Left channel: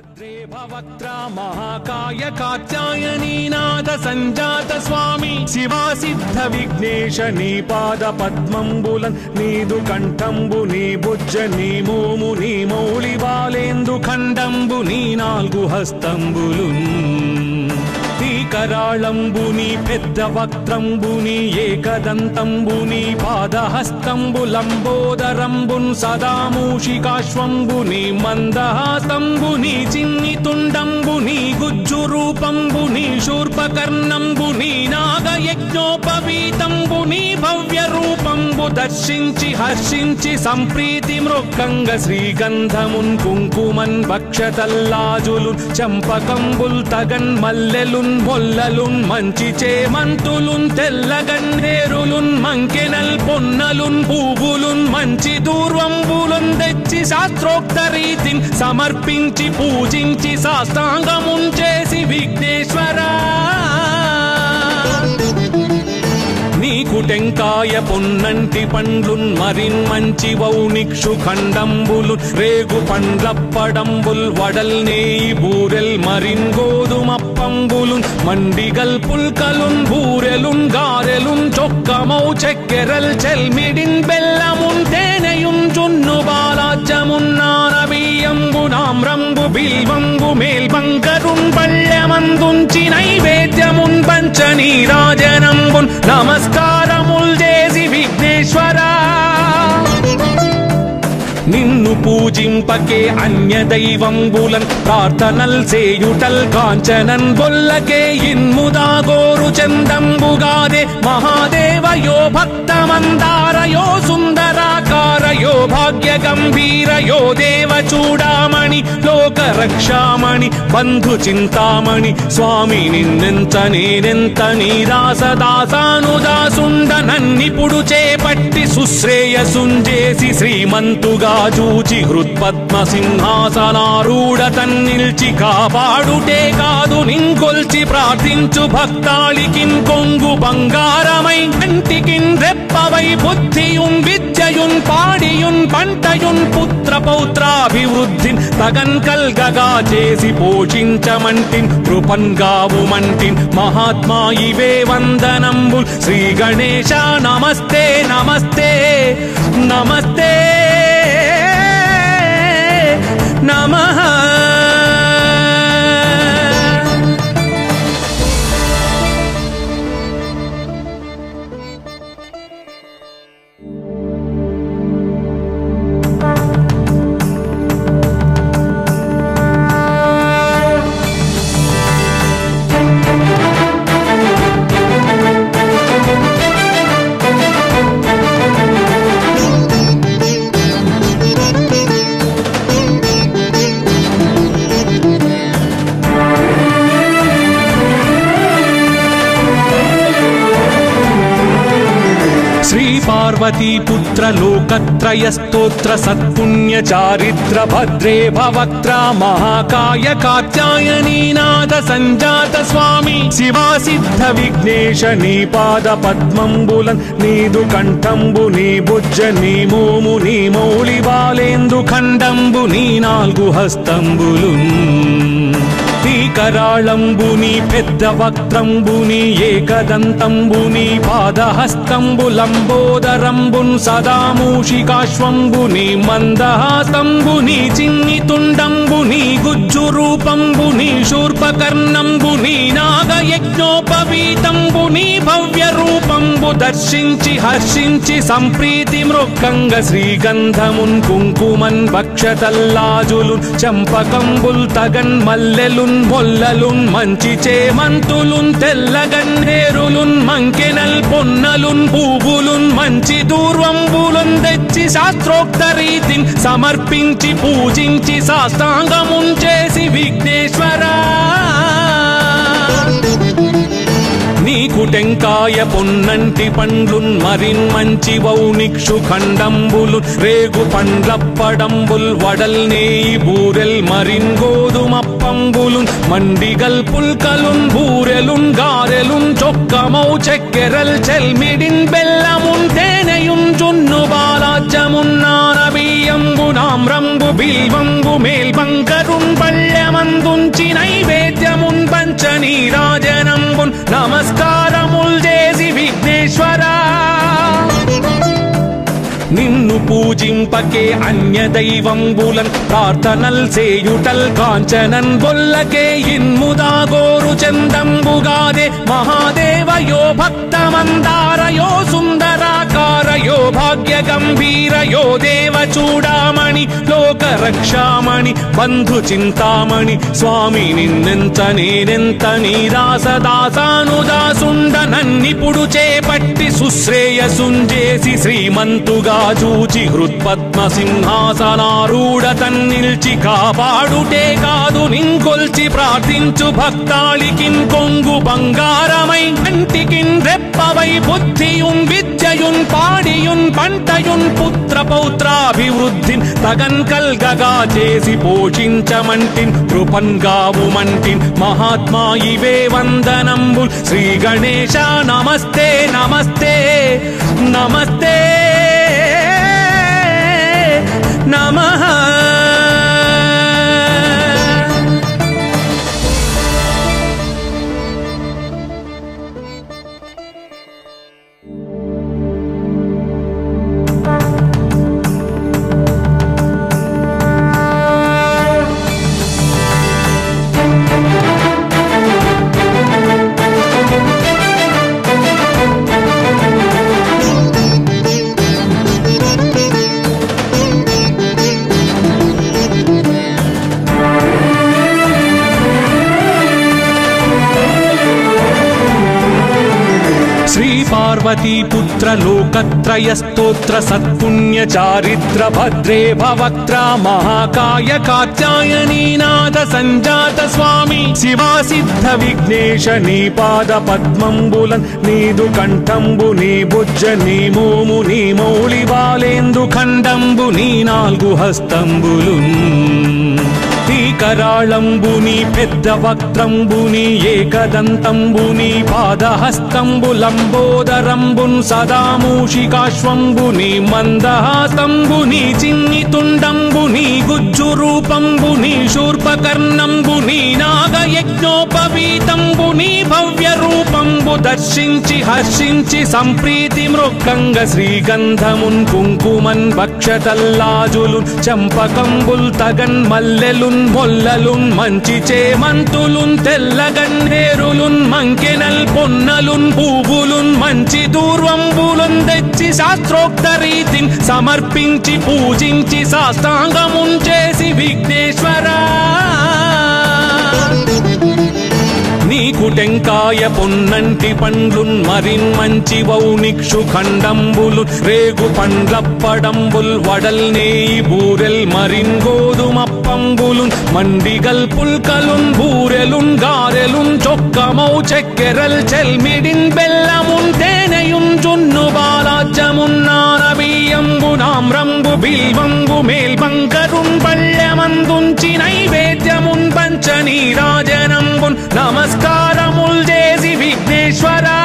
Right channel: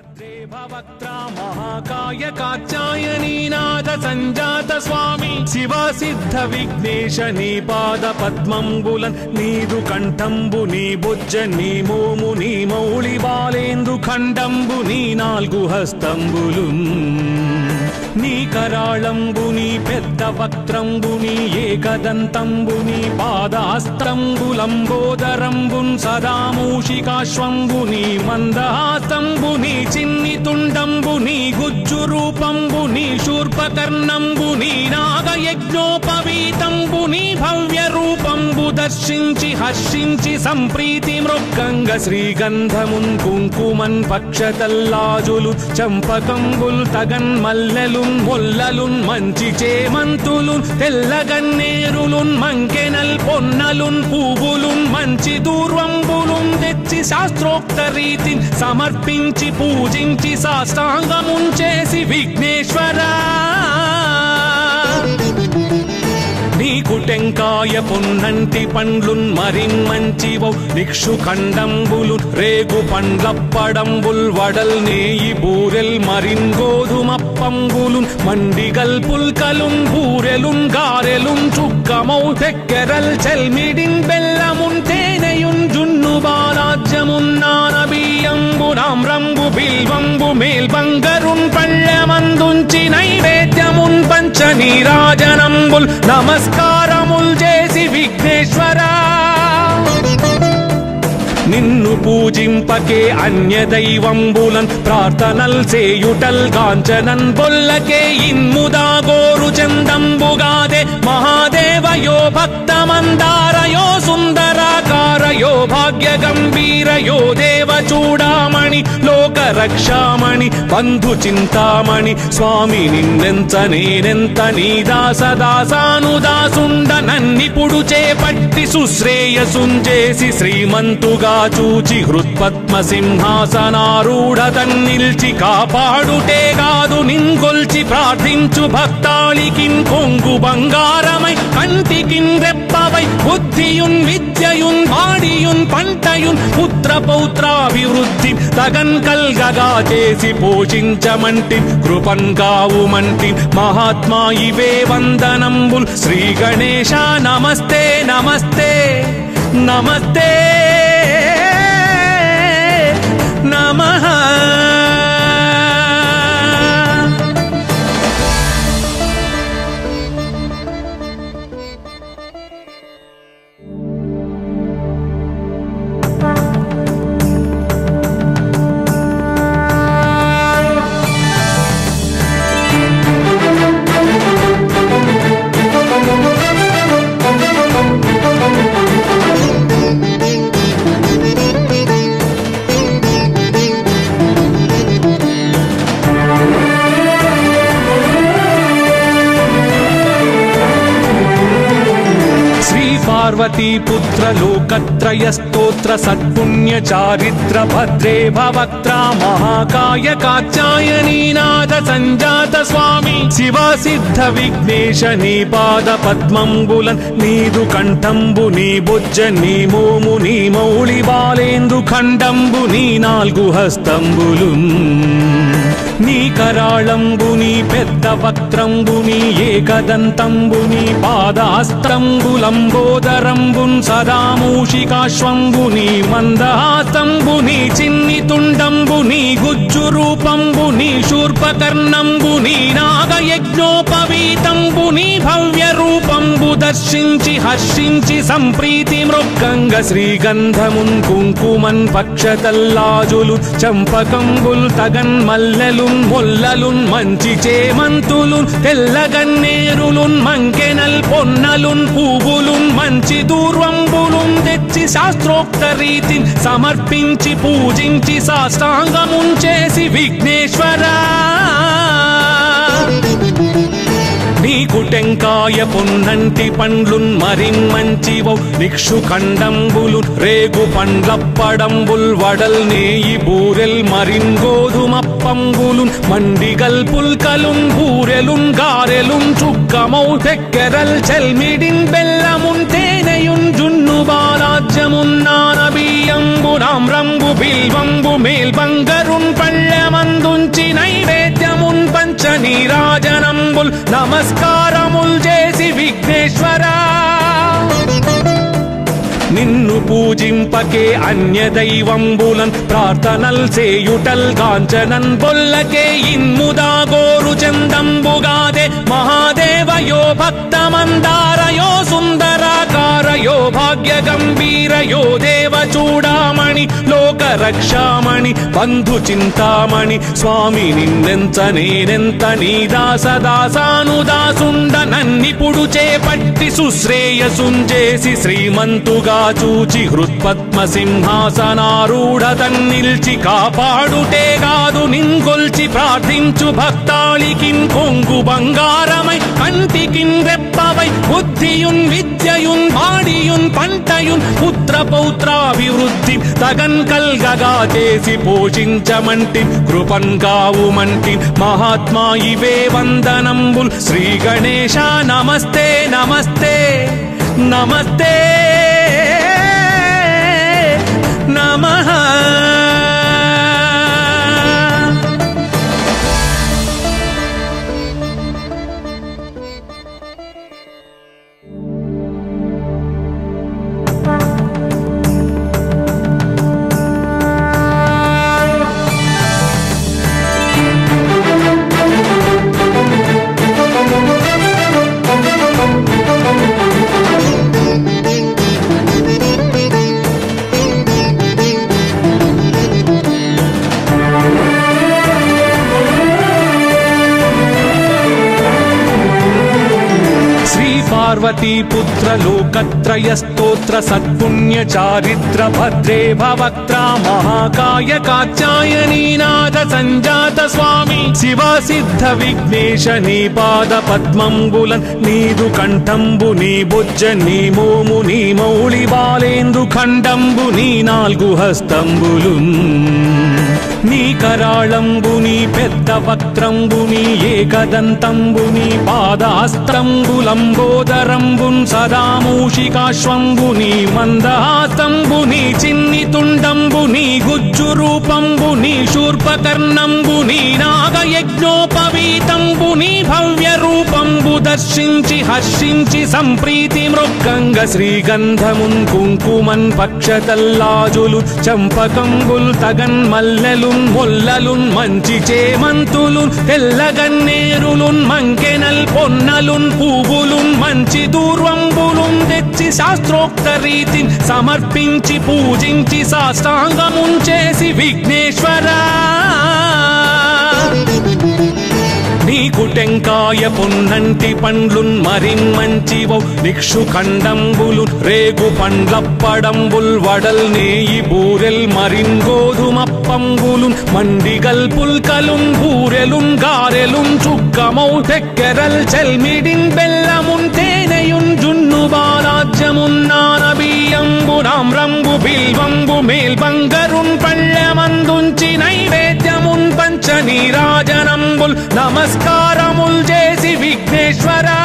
भद्रे भवक्त्रा महाकाय कात्यायनीनाथ संजात स्वामी शिवा सिद्ध विघ्नेश नी पाद पद्मंबुलन नीदु कंठंबु नी बुज्ज नी भूमु नी मौली बालेंद्रु खंडंबु नी नाल्गु हस्तंबुलु నీ కరాళంబుని పెద్ద వక్త్రంబుని ఏకదంతంబుని పాదహస్తంబులంబోదరంబున్ సదా మూషికాశ్వంబుని మందహాసంబుని చిన్ని తుండంబుని గుజ్జు రూపంబుని శూర్పకర్ణంబుని నాగయజ్ఞోపవీతంబుని భవ్య రూపంబు దర్శించి హర్షించి సంప్రీతి మృక్కంగ శ్రీగంధమున్ కుంకుమన్ భక్షతల్లాజులు చంపకంబుల్ తగన్ మల్లెలు మొల్లలున్ మంచి చేమంతులున్ తెల్లగన్నేరులున్ మంకెనల్ పొన్నలున్ పూవులున్ మంచి దూర్వంబులున్ తెచ్చి శాస్త్రోక్త రీతిని సమర్పించి పూజించి సాష్టాంగమున్ చేసి విఘ్నేశ్వరా టెంకాయ పొన్నంటి పండ్లున్ మరిన్ మంచి వౌనిక్షు ఖండంబులు రేగు పండ్లప్పడంబుల్ వడల్ నేయి బూరెల్ మరిన్ గోధుమప్పంబులు మండిగల్ పుల్కలున్ బూరెలున్ గారెలున్ చొక్కమౌ చెక్కెరల్ చెల్మిడిన్ బెల్లమున్ తేనెయున్ జున్ను వారాజ్యమున్ నానబియ్యంబులామ్రంబు బిల్వంబు మేల్బంగరున్ పళ్ళమందుంచి నైవేద్యమున్ పంచ నీరాజనంబుల్ నమస్కారముల్ చేసి విఘ్నేశ్వరా నిన్ను పూజింపకే అన్య దైవంబులన్ ప్రార్థనల్ చేయుటల్ కాంచనన్ బొల్లకే ఇన్ముదా గోరు చందంబుగాదే మహాదేవయో భక్తమందారయో సుందరాకారయో భాగ్య గంభీరయో దేవ చూడామణి లోక రక్షామణి బంధు చింతామణి స్వామి నిన్నెంత నేనెంత నీ దాసదాసానుదాసుండ నన్నిపుడు చేపట్టి సుశ్రేయసుంజేసి శ్రీమంతుగా చూచి హృత్పద్మ సింహాసనారూఢ తన్నిల్చి కాపాడుటే కాదు నింకొల్చి ప్రార్థించు భక్తాళికి కొంగు బంగారమై కంటికి రెప్పవై బుద్ధియున్ విద్యయున్ వాడియున్ పంటయున్ పుత్ర పౌత్రాభివృద్ధి తగన్ కల్గగా చేసి పోషించమంటి కృపన్ కావుమంటి మహాత్మా ఇవే వందనంబుల్ శ్రీ గణేశ నమస్తే నమస్తే నమస్తే నమః लोकत्रय स्तोत्र सत्पुण्य चारित्र भद्रे भवक्त्रा महाकाय कात्यायनीनाथ संजात स्वामी शिवा सिद्ध विघ्नेश नी पाद पद्मंबुलन नीदु कंठंबु नी बुज्ज नी भूमु नी मौली बालेंद्रु खंडंबु नी नाल्गु हस्तंबुलु నీ కరాళంబుని పెద్ద వక్త్రంబుని ఏకదంతంబుని పాదహస్తంబులంబోదరంబున్ సదా మూషికాశ్వంబుని మందహాసంబుని చిన్ని తుండంబుని గుజ్జు రూపంబుని శూర్పకర్ణంబుని నాగయజ్ఞోపవీతంబుని భవ్య రూపంబు దర్శించి హర్షించి సంప్రీతి మృక్కంగ శ్రీగంధమున్ కుంకుమన్ భక్షతల్లాజులు చంపకంబుల్ తగన్ మల్లెలు మొల్లలున్ మంచి చేమంతులున్ తెల్లగన్నేరులున్ మంకెనల్ పొన్నలున్ పూవులున్ మంచి దూర్వంబులున్ తెచ్చి శాస్త్రోక్త రీతిని సమర్పించి పూజించి సాష్టాంగమున్ చేసి విఘ్నేశ్వరా టెంకాయ పొన్నంటి పండ్లున్ మరిన్ మంచి వౌనిక్షు ఖండంబులు రేగు పండ్లప్పడంబుల్ వడల్ నేయి బూరెల్ మరిన్ గోధుమప్పంబులు మండిగల్ పుల్కలున్ బూరెలున్ గారెలున్ చొక్కమౌ చెక్కెరల్ చెల్మిడిన్ బెల్లమున్ తేనెయున్ జున్ను వారాజ్యమున్ నానబియ్యంబులామ్రంబు బిల్వంబు మేల్బంగరున్ పళ్ళమ పూజింపకే అన్య దైవంబులన్ ప్రార్థనల్ చేయుటల్ గాంచనన్ బొల్లకే ఇన్ముదాగోరు చందంబుగాదే మహాదేవయో భక్తమందారయో సుందరాకారయో భాగ్య గంభీరయో దేవ చూడామణి లోక రక్షామణి బంధు చింతామణి స్వామి నిన్నెంత నేనెంత నీ దాసదాసానుదాసుండ నన్నిపుడు చేపట్టి సుశ్రేయసుంజేసి శ్రీమంతుగా చూచి హృత్పద్మ సింహాసనారూఢ తన్నిల్చి కాపాడుటే కాదు నింకొల్చి ప్రార్థించు భక్తాళికి కొంగు బంగారమై కంటికిన్ రెప్పవై బుద్ధియున్ విద్యయున్ వాడియున్ పంటయున్ పుత్ర పౌత్రాభివృద్ధి తగన్ కల్గగా చేసి పోషించమంటి కృపన్ కావుమంటి మహాత్మా ఇవే వందనంబు శ్రీ గణేశ నమస్తే నమస్తే నమస్తే నమః. లోకత్రయ స్తోత్ర సత్పుణ్య చారిత్ర భద్రే భవక్త్ర మహాకాయ కాత్యాయనీనాథ సంజాత స్వామి శివా సిద్ధ విఘ్నేశ నీ పాద పద్మంబులన్ నీదు కంఠంబు నీ బుజ్జ నీ మోము నీ మౌళి బాలేందు ఖండంబు నీ నాలుగు హస్తంబులు నీ కరాళంబు నీ పెద్ద వక్త్రంబు నీ ఏకదంతంబు నీ పాదహస్తంబులంబోదరంబు సదా మూషికాశ్వంబు నీ మందహాసంబు నీ చిన్ని తుండంబు నీ గుజ్జు రూపంబు నీ శూర్పకర్ణంబు నీ నాగయజ్ఞోపవీతంబు నీ భవ్య రూపంబు దర్శించి హర్షించి సంప్రీతి మృక్కంగ శ్రీగంధమున్ కుంకుమన్ భక్షతల్లాజులు చంపకంబుల్ తగన్ మల్లెలున్ మొల్లలున్ మంచి చేమంతులున్ తెల్లగన్నేరులున్ మంకెనల్ పొన్నలున్ పూవులున్ మంచి దూర్వంబులున్ తెచ్చి శాస్త్రోక్త రీతిని సమర్పించి పూజించి సాష్టాంగమున్ చేసి విఘ్నేశ్వరా నీకు టెంకాయ పొన్నంటి పండ్లున్ మరిమంచివౌ నిక్షు ఖండంబులు రేగు పండ్లప్పడంబుల్ వడల్ నేయి బూరెల్ మరిన్ గోధుమప్పంబులు మండిగల్ పుల్కలున్ బూరెలున్ గారెలున్ చొక్కమౌ చెక్కెరల్ చెల్మిడిన్ బెల్లమున్ తేనెయున్ జున్ను బాలాజ్యమున్ నానబియ్యంబులాం రంగు బిల్వంబు మేల్బంగరున్ పళ్ళమందుంచి నైవేద్యమున్ పంచ నీరాజనంబుల్ నమస్కారముల్ చేసి విఘ్నేశ్వరా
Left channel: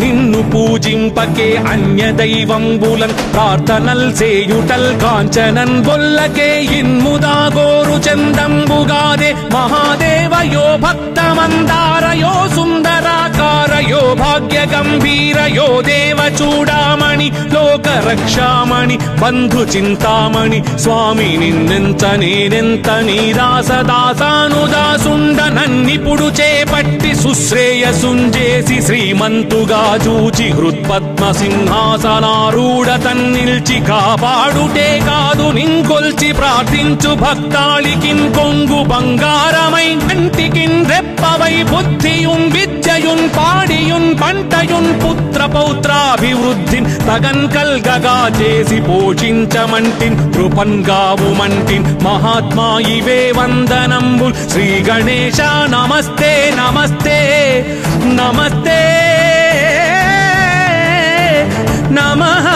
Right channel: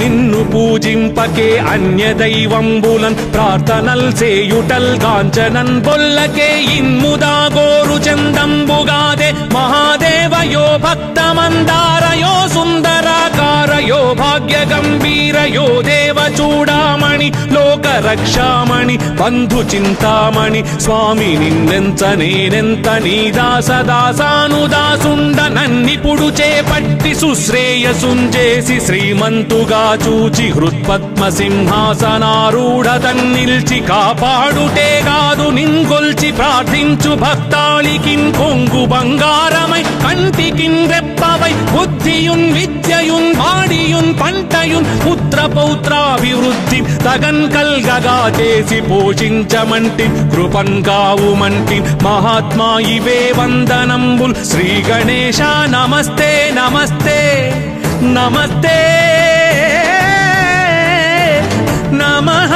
నిన్ను పూజింపకే అన్య దైవంబులన్ ప్రార్థనల్ చేయుటల్ గాంచనన్ బొల్లకే ఇన్ముదాగోరు చందంబుగాదే మహాదేవయో భక్తమందారయో సుందరాకారయో భాగ్య గంభీరయో దేవ చూడామణి లోక రక్షామణి బంధు చింతామణి స్వామి నిన్నెంత నేనెంత నీ దాసదాసానుదాసుండ నన్నిపుడు చేపట్టి సుశ్రేయసుంజేసి శ్రీమంతుగా చూచి హృత్పద్మ సింహాసనారూఢ తన్నిల్చి కాపాడుటే కాదు నింకొల్చి ప్రార్థించు భక్తాళికి కొంగు బంగారమై కంటికిన్ రెప్పవై బుద్ధియున్ విద్యయున్ వాడియున్ పంటయున్ పుత్ర పౌత్రాభివృద్ధి తగన్ కల్గగా చేసి పోషించమంటి కృపన్ కావుమంటి మహాత్మా ఇవే వందనంబు శ్రీ గణేశ నమస్తే నమస్తే నమస్తే నమః.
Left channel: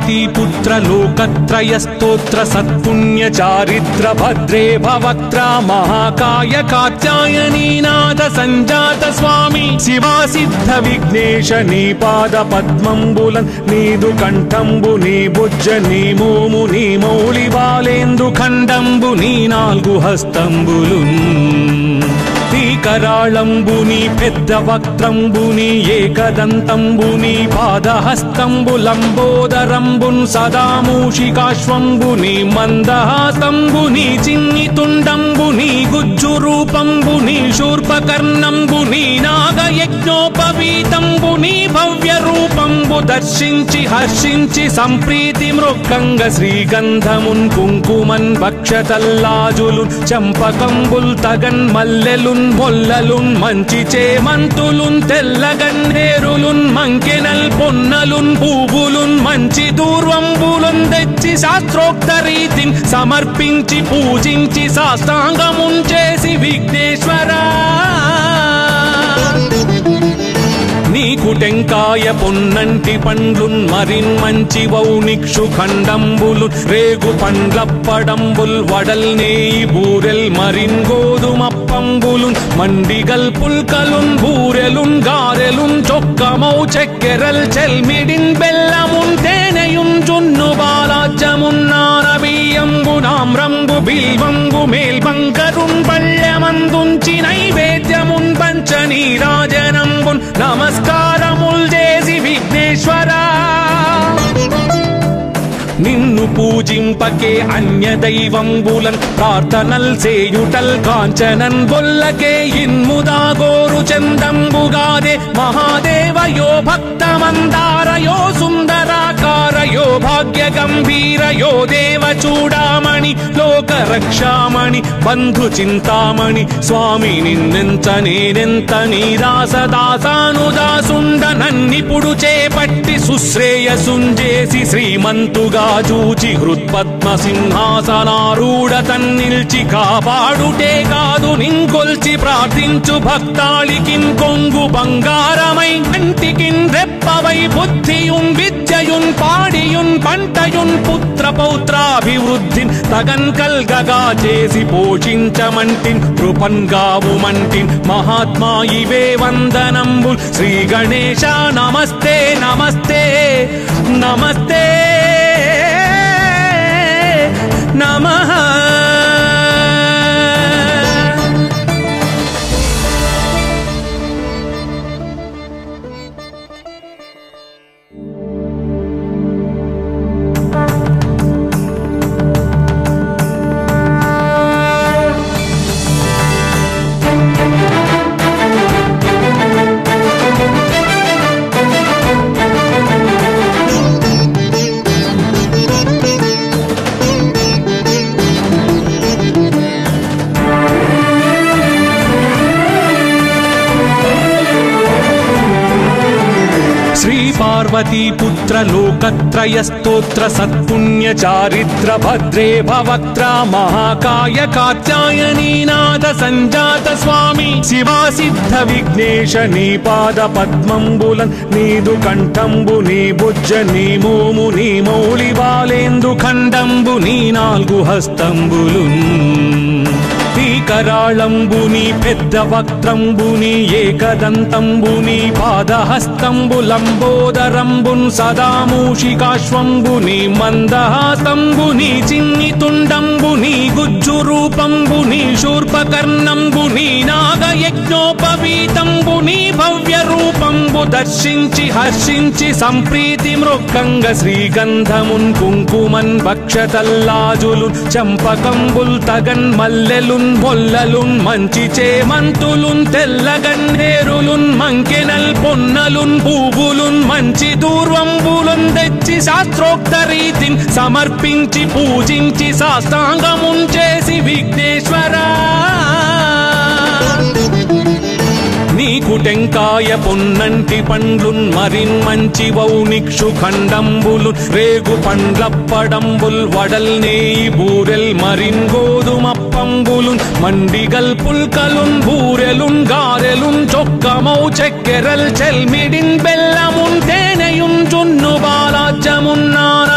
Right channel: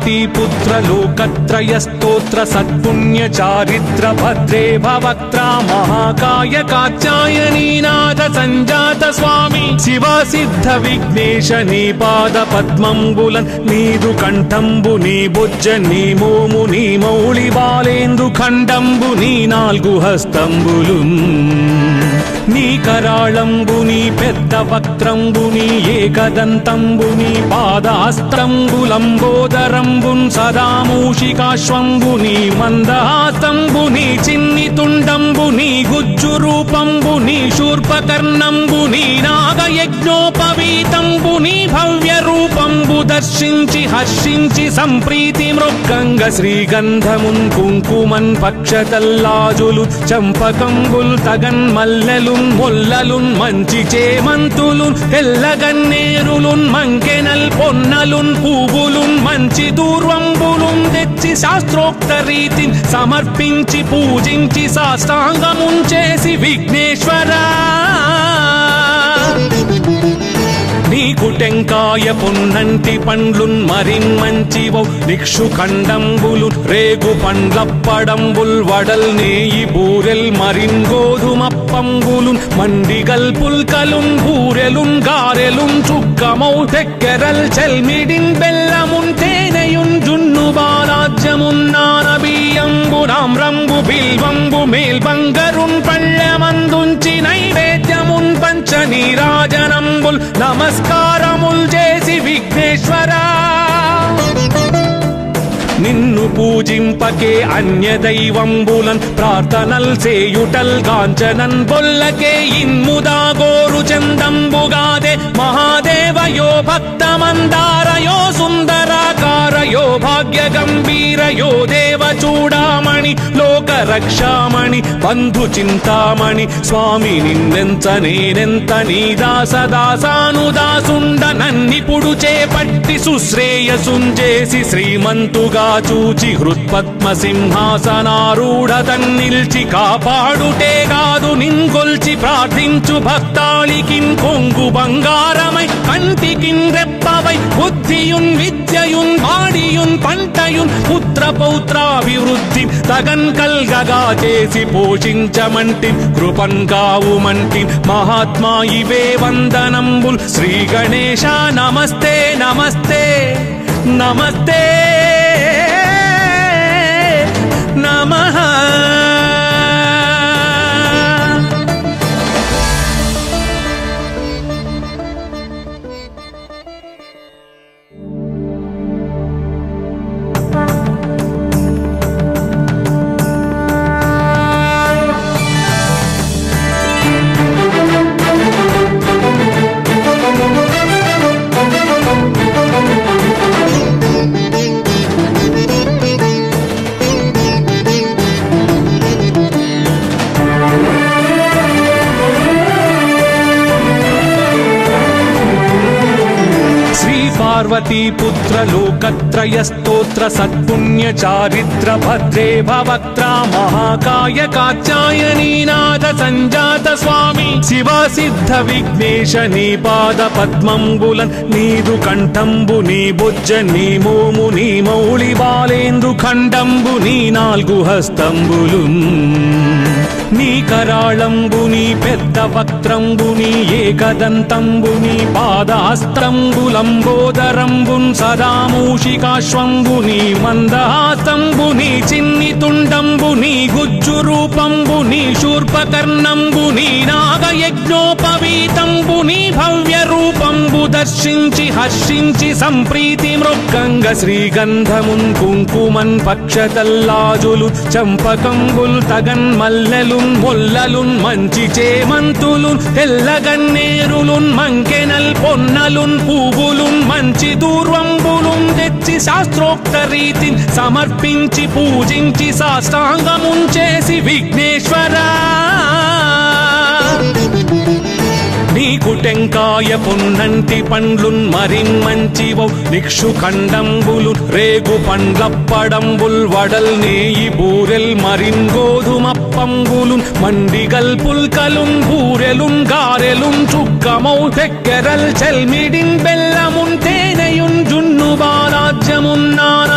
పార్వతీ పుత్ర లోకత్రయ స్తోత్ర సత్పుణ్య చారిత్ర భద్రే భవక్త్ర మహాకాయ కాత్యాయనీనాథ సంజాత స్వామి శివా సిద్ధ విఘ్నేశ నీ పాద పద్మంబులన్ నీదు కంఠంబు నీ బుజ్జ నీ భూము నీ మౌళి బాలేందు ఖండంబు నీ నాలుగు హస్తంబులు నీ కరాళంబు నీ పెద్ద వక్త్రంబు నీ ఏకదంతంబు నీ పాదాస్త్రంబు లంబోదరంబున్ సదా మూషికాశ్వంబు నీ మందహాస్తంబు నీ చిన్ని తుండంబు నీ గుజ్జు రూపంబు నీ శూర్పకర్ణంబు నీ నాగయజ్ఞోపవీతంబు నీ భవ్య రూపంబు దర్శించి హర్షించి సంప్రీతి మృక్కంగ శ్రీగంధమున్ కుంకుమన్ భక్షతల్లాజులు చంపకంబుల్ తగన్ మల్లెలున్ మొల్లలున్ మంచి చేమంతులున్ తెల్లగన్నేరులున్ మంకెనల్ పొన్నలున్ పూవులున్ మంచి దూర్వంబులున్ తెచ్చి శాస్త్రోక్త రీతిని సమర్పించి పూజించి సాష్టాంగమున్ చేసి విఘ్నేశ్వరా టెంకాయ పొన్నంటి పండ్లున్ మరిన్ మంచి వౌ నిక్షు ఖండంబులు రేగు పండ్లప్పడంబుల్ వడల్ నేయి బూరెల్ మరిన్ గోధుమప్పంబులు మండిగల్ పుల్కలున్ బూరెలున్ గారెలున్ చొక్కమౌ చెక్కెరల్ చెల్మిడిన్ బెల్లమున్ తేనెయున్ జున్ను బాలాజ్యమున్ నానబియ్యంబులాం రంగు బిల్వంబు మేల్బంగరున్ పళ్ళమందుంచి నైవేద్యమున్ పంచ నీరాజనంబుల్ నమస్కారముల్ చేసి విఘ్నేశ్వరా నిన్ను పూజింపకే అన్య దైవంబులన్ ప్రార్థనల్ సేయుటల్ కాంచనన్ బొల్లకే ఇన్ముదా గోరు చందంబుగాదే మహాదేవయో భక్తమందారయో సుందరాకారయో భాగ్య గంభీరయో దేవ చూడామణి లోక రక్షామణి బంధు చింతామణి స్వామి నిన్నెంత నేనెంత నీ దాసదాసానుదాసుండ నన్నిపుడు చేపట్టి సుశ్రేయసుంజేసి శ్రీమంతుగా చూచి హృత్పద్మ సింహాసనారూఢ తన్నిల్చి కాపాడుటే కాదు నింకొల్చి ప్రార్థించు భక్తాళికిం కొంగు బంగారమై కంటికిం రెప్పవై బుద్ధియున్ విద్యయున్ వాడియున్ పంటయున్ పుత్ర పౌత్రాభివృద్ధి తగన్ కల్గగా చేసి పోషించమంటి కృపన్ కావుమంటి మహాత్మా ఇవే వందనంబు శ్రీ గణేశ నమస్తే నమస్తే నమస్తే నమః పుత్ర లోకత్రయ స్తోత్ర సత్పుణ్య చారిత్ర భద్రే భవక్త్ర మహాకాయ కాత్యాయనీనాథ సంజాత స్వామి శివా సిద్ధ విఘ్నేశ నీ పాద పద్మంబులన్ నీదు కంఠంబు నీ బుజ్జ నీ భూము నీ మౌళి బాలేందు ఖండంబు నీ నాలుగు హస్తంబులు నీ కరాళంబు నీ పెద్ద వక్త్రంబు నీ ఏకదంతంబు నీ పాదాస్త్రంబు లంబోదరంబున్ సదా మూషికాశ్వంబు నీ మందహాస్తంబు నీ చిన్ని తుండంబు నీ గుజ్జు రూపంబు నీ శూర్పకర్ణంబు నీ నాగయజ్ఞోపవీతంబు నీ భవ్య రూపంబు దర్శించి హర్షించి సంప్రీతి మృక్కంగ శ్రీగంధమున్ కుంకుమన్ భక్షతల్లాజులు చంపకంబుల్ తగన్ మల్లెలున్ మొల్లలున్ మంచి చేమంతులున్ తెల్లగన్నేరులున్ మంకెనల్ పొన్నలున్ పూవులున్ మంచి దూర్వంబులున్ తెచ్చి శాస్త్రోక్త రీతిని సమర్పించి పూజించి సాష్టాంగమున్ చేసి విఘ్నేశ్వరా నీకు టెంకాయ పొన్నంటి పండ్లున్ మరిన్ మంచి వౌ నిక్షు ఖండంబులు రేగు పండ్లప్పడంబుల్ వడల్ నేయి బూరెల్ మరిన్ గోధుమప్పంబులు మండిగల్ పుల్కలున్ బూరెలున్ గారెలున్ చొక్కమౌ చెక్కెరల్ చెల్మిడిన్ బెల్లమున్ తేనెయున్ జున్ను బాలాజ్యమున్ నాన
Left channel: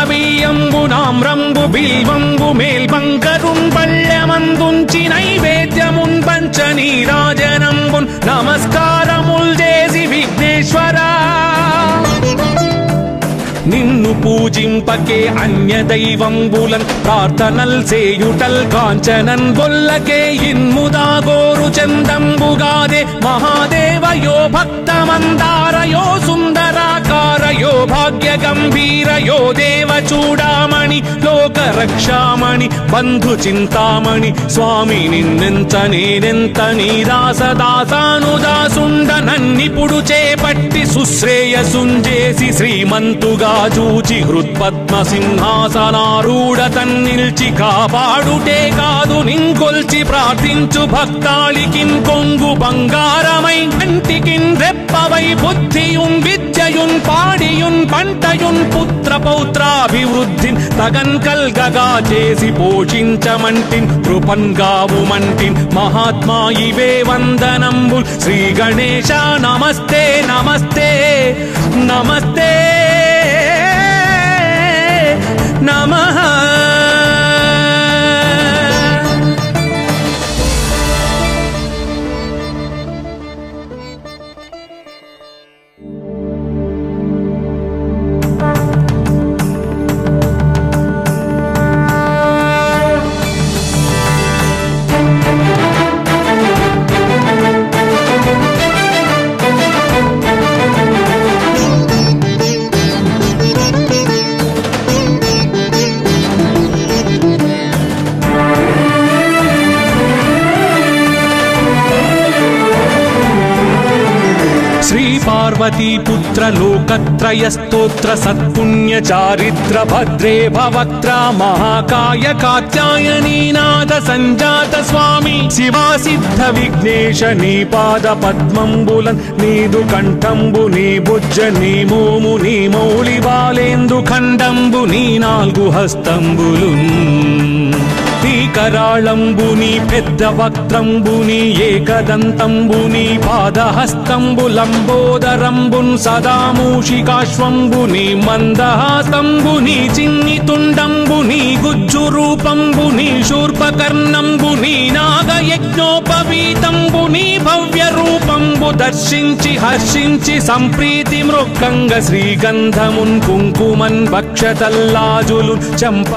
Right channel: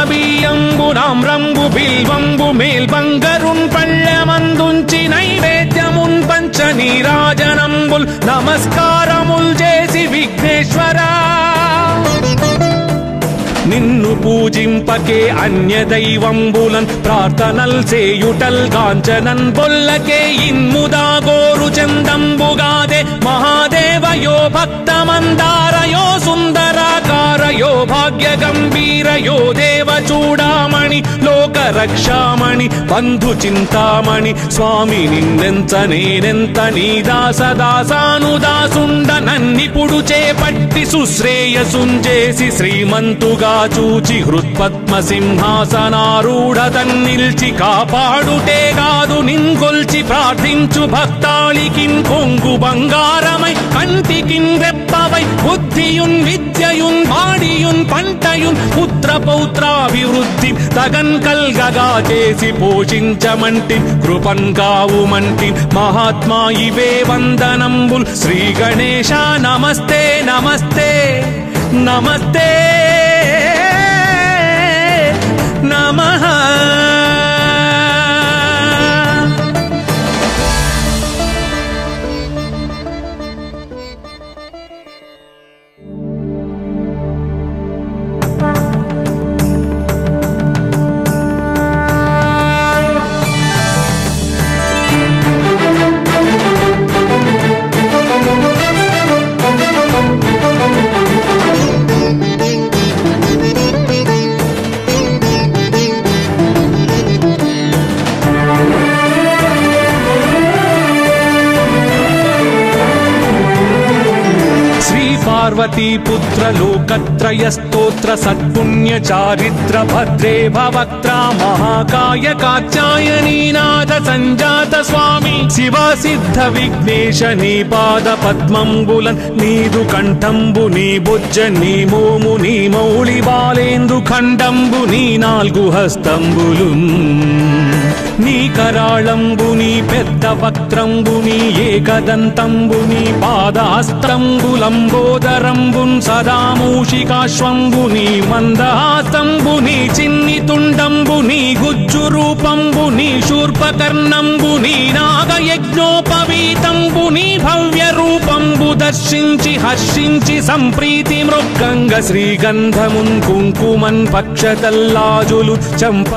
పూజింపకే అన్య దైవంబులన్ ప్రార్థనల్ సేయుటల్ కాంచనన్ బొల్లకే ఇన్ముదా గోరు చందంబుగాదే మహాదేవయో భక్తమందారయో సుందరాకారయో భాగ్య గంభీరయో దేవ చూడామణి లోక రక్షామణి బంధు చింతామణి స్వామి నిన్నెంత నేనెంత నీ దాసదాసానుదాసుండ నన్నిపుడు చేపట్టి సుశ్రేయసుంజేసి శ్రీమంతుగా చూచి హృత్పద్మ సింహాసనారూఢ తన్నిల్చి కాపాడుటే కాదు నింకొల్చి ప్రార్థించు భక్తాళికిన్ కొంగు బంగారమై కంటికిన్ రెప్పవై బుద్ధియున్ విద్యయున్ వాడియున్ పంటయున్ పుత్ర పౌత్రాభివృద్ధి తగన్ కల్గగా చేసి పోషించమంటి కృపన్ కావుమంటి మహాత్మా ఇవే వందనంబు శ్రీ గణేశ నమస్తే నమస్తే నమస్తే నమః. पुत्र लोकत्रय स्तोत्र सत्पुण्य चारित्र भद्रे भवक्त्रा महाकाय कात्यायनी नाद संजात स्वामी शिवा सिद्ध विघ्नेश नी पाद पद्मंबुलन नीदु कंठंबु नी बुज्ज नी भूमु नी मौली बालेंदु खंडंबु नी नाल्गु हस्तंबुलु నీ కరాళంబుని పెద్ద వక్త్రంబుని ఏకదంతంబుని పాదహస్తంబులంబోదరంబున్ సదా మూషికాశ్వంబుని మందహాస్తంబుని చిన్ని తుండంబుని గుజ్జు రూపంబుని శూర్పకర్ణంబుని నాగయజ్ఞోపవీతంబుని భవ్య రూపంబు దర్శించి హర్షించి సంప్రీతి మృక్కంగ శ్రీగంధమున్ కుంకుమన్ భక్షతల్లాజులు చంప